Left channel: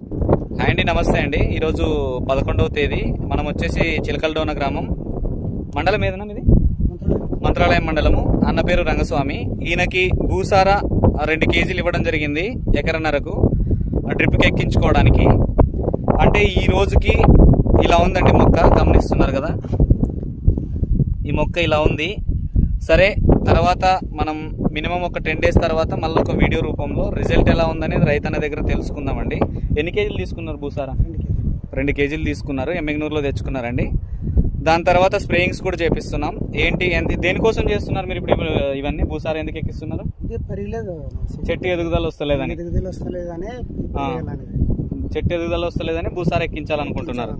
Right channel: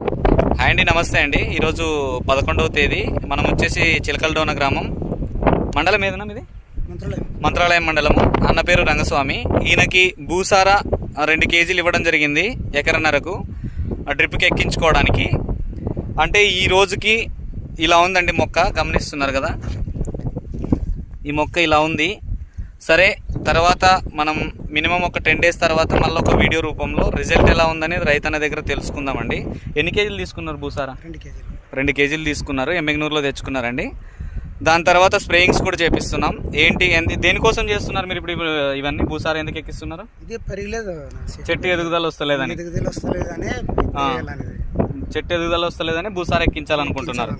Hi అండి, నమస్తే అండి. ఈరోజు 11వ తేదీ. మనం వచ్చేసి చిలకలడోన గ్రామం, మండలం ఏదన్నా ఇది మంత్రాలయం మండలము. అన్న పేరు రంగస్వామి. ఈయనకి భూసార 2 కేజీలు ఇవ్వడం జరిగింది ఎకరన్నరకు డ్రిప్కి ఎక్కించుకోవడానికి. అంటే ఈ రోజుకి ఇలా ఉందండి మొక్క, గమనిస్తున్నారు కదా, ఈ మొక్క ఇలా ఉంది. సరే, తర్వాత మనం మినిమం ఒక 10 డేస్ తర్వాత మళ్ళీ ఒక వీడియో రూపంలో రిజల్ట్ ఎలా ఉందనేది రైతన్న దగ్గర తెలుసుకుందామండి. ఎన్ని కేజీలు తీసుకున్నారు భూసారా? 2 కేజీలు తీసుకున్నారు, ఎమ్మెగ్నూరులో తెచ్చుకున్నారండి. దాని తర్వాత స్ప్రేయింగ్స్ కూడా చేపిస్తున్నాం. దేనికోసం చేస్తున్నారు మీరు ఇప్పుడు ఇవన్నీ? భూసారా ఎందుకు ఎక్కిస్తున్నారు? చెట్టు ఎదుగుదల వస్తలేదని చెట్టు ఎదుగుదల వస్తలేదని భూసారా ఎక్కించాలనుకుంటున్నారు.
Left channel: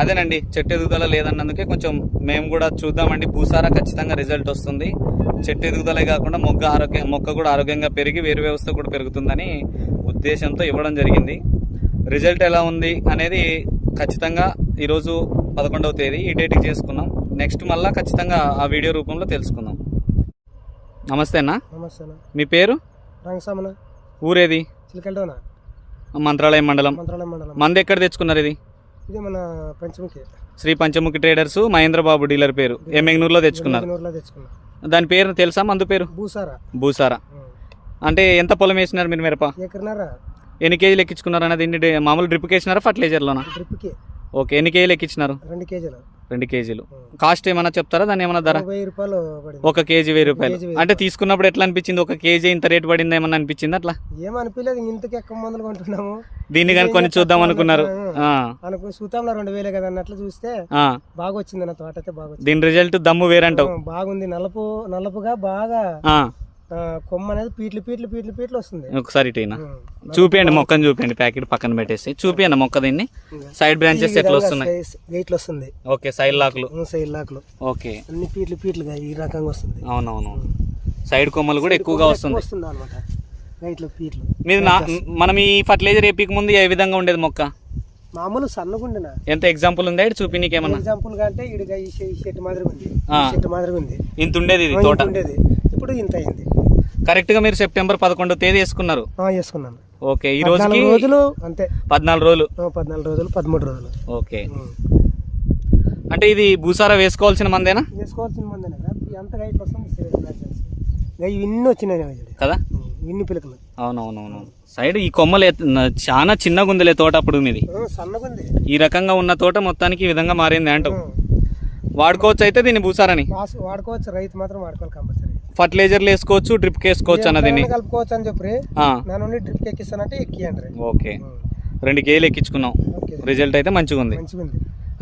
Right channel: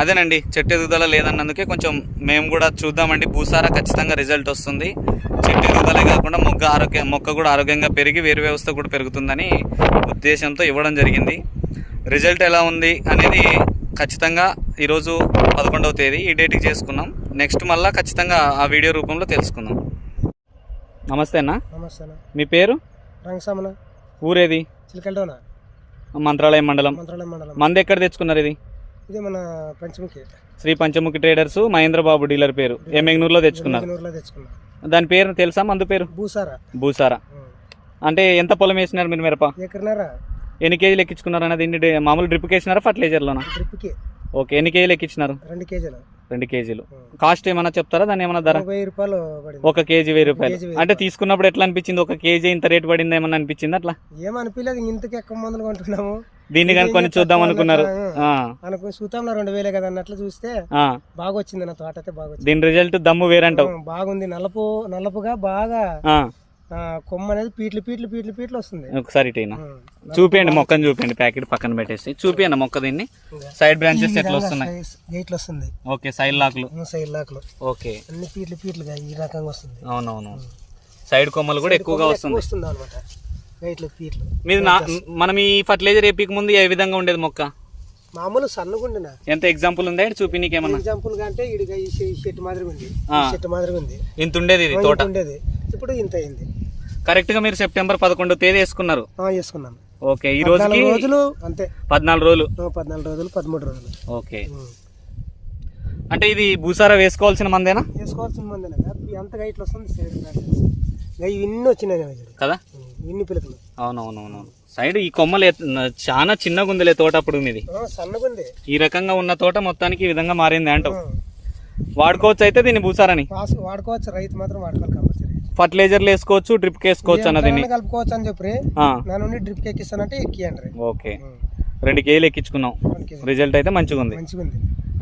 అదేనండి, చెట్టు ఎదుగుదల లేదన్నందుకే కొంచెం మేము కూడా చూద్దామండి. భూసారా ఖచ్చితంగా రిజల్ట్ వస్తుంది. చెట్టు ఎదుగుదలే కాకుండా మొక్క కూడా ఆరోగ్యంగా పెరిగి వేరు వ్యవస్థ కూడా పెరుగుతుందని ఉద్దేశంతో ఇవ్వడం జరిగింది. రిజల్ట్ ఎలా ఉంది అనేది ఖచ్చితంగా ఈరోజు 11వ తేదీ ఈ డేట్కి చేసుకున్నాం. నెక్స్ట్ మళ్ళీ ఖచ్చితంగా ఆ వీడియో రూపంలో తెలుసుకుందాం. నమస్తే అన్న. నమస్తే అన్న. మీ పేరు? రంగస్వామి. ఊరేది? చిలకలడోన, మంత్రాలయం మండలం. మంది ఎక్కడ తెచ్చుకున్నారు? ఇది మన పంచముఖి, శ్రీ పంచముఖి ట్రేడర్స్, మహేంద్రబాబు డీలర్ పేరు. ఎమ్మెగ్నూరులో తెచ్చుకున్నారు. దాని పేరు తెలుసా? మందు పేరు భూసారా. అంటే ఎంత పొలం వేసినారు మీరు? మిరప ఎన్ని కేజీలు ఎక్కించుకున్నారు అన్నది? మామూలు డ్రిప్కి వేసినారా, ఫర్టిలైజర్లోనా? ఓకే. ఎన్ని కేజీలు ఎక్కించినారు? 2 కేజీలు. కాస్ట్ ఏమన్నా చెప్తారా? దాని ఏమన్నా ధర? 1000 రూపాయలు. 1 కేజీ 1000 రూపాయలు. అంటే తీసుకున్నప్పుడు ఎట్లా అనిపించింది? 1 కేజీ ఇంత రేట్ పడింది ఏమన్నా అనిపించింది? అట్లా ఏమనిపించలేదు. ఇంతకు ఎక్కువ మందులు కొంటున్నాము, దీన్ని కానీ కొన్ని చూద్దాం అనుకున్నారు. అనుకుని చూద్దాంలో 2000 కదా అన్నట్లు చూస్తే బాగా వచ్చింది అన్న. తోట అయితే బాగా, దీని రిజల్ట్ దమ్ము వేరంటావు. బాగుంది. నలుపుగా బాగా కొమ్మ అనేది పీట్లు వస్తుంది. ఒకసారి చూపియండి, మొక్కను చూపియండి. ప్యాకెట్ పక్కన పెట్టేసి చూపియండి మొక్క. దీన్ని సైడ్ బ్రాంచెస్ ఎట్లా వస్తున్నాయి? గైట్లు వస్తుంది. Okay, side లాక్లు. ఓకే, అన్ని పీట్లుగా ఈ రకంగా వస్తుంది. అవునవును, సైడ్ కొమ్మలు కూడా ఎక్కువగా వస్తుంది అనమాట. గైట్లు పీట్లు మీరు మనం ఈ ఫర్టిలైజర్ ఏపీకి ముందు ఏ విధంగా ఉండేది మొక్క? మామూలు సన్నగుండినా. ఎంత ఎగ్జాంపుల్ ఉంది చూపి నీకేమన్నా? ఎగ్జాంపుల్ అంటే ఈ చెట్టు మాదిరి ఉంది. ఇంత ఉండేది ఇది తోట, ఇప్పుడు ఇంత అయింది. కరెక్ట్ గా మీరు సెప్టెంబర్ 11వ తేదీ వేసుకున్నారు? వేసుకున్నాను. ఓకే, ఈ రోజుకి రోజులు అంతే. 14 రోజులు, 13 రోజులు. ఓకే. అంటే ఇది భూసారా వేసుకోవాల్సిన మందేనా? వేసుకోవాల్సిన మందేనా? ఎంత గైట్లు వస్తుంది ఇన్ని వచ్చినాయి కదా, ఇన్ని పిలకలు. అవునవునవును. సైడ్ ఈ కొమ్మలు చాలా చిన్నగా ఉందిలే తోట. అప్పుడు మీది సన్నగుంది. ఈ రకంగా ఉన్న తోట మొత్తానికి ఈ విధంగా మారింది అంటావు. వాడుకోవచ్చు అయితే దీన్ని భూసారాని? వాడుకోవచ్చు, రైతు మాత్రం వాడుకోవాలి కంపల్సరీ. ఫర్టిలైజర్లు వేసుకోవచ్చు, డ్రిప్ వేసుకోవచ్చు అన్నది కలుపుకోవచ్చు అని చెప్పి నేను డ్రిప్ ఎక్కిస్తానంటే ఎక్కియండి. ఓకే, 2 కేజీలు ఎక్కించుకున్నాం. రిజల్ట్ అయితే మంచిగా ఉంది.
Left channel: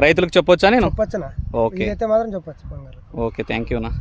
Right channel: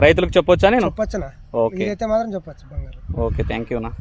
రైతులకు చెప్పొచ్చా నేను? చెప్పొచ్చునా? ఓకే, మాత్రం చెప్పొచ్చు. బంగారు. ఓకే, థ్యాంక్ యూ నా.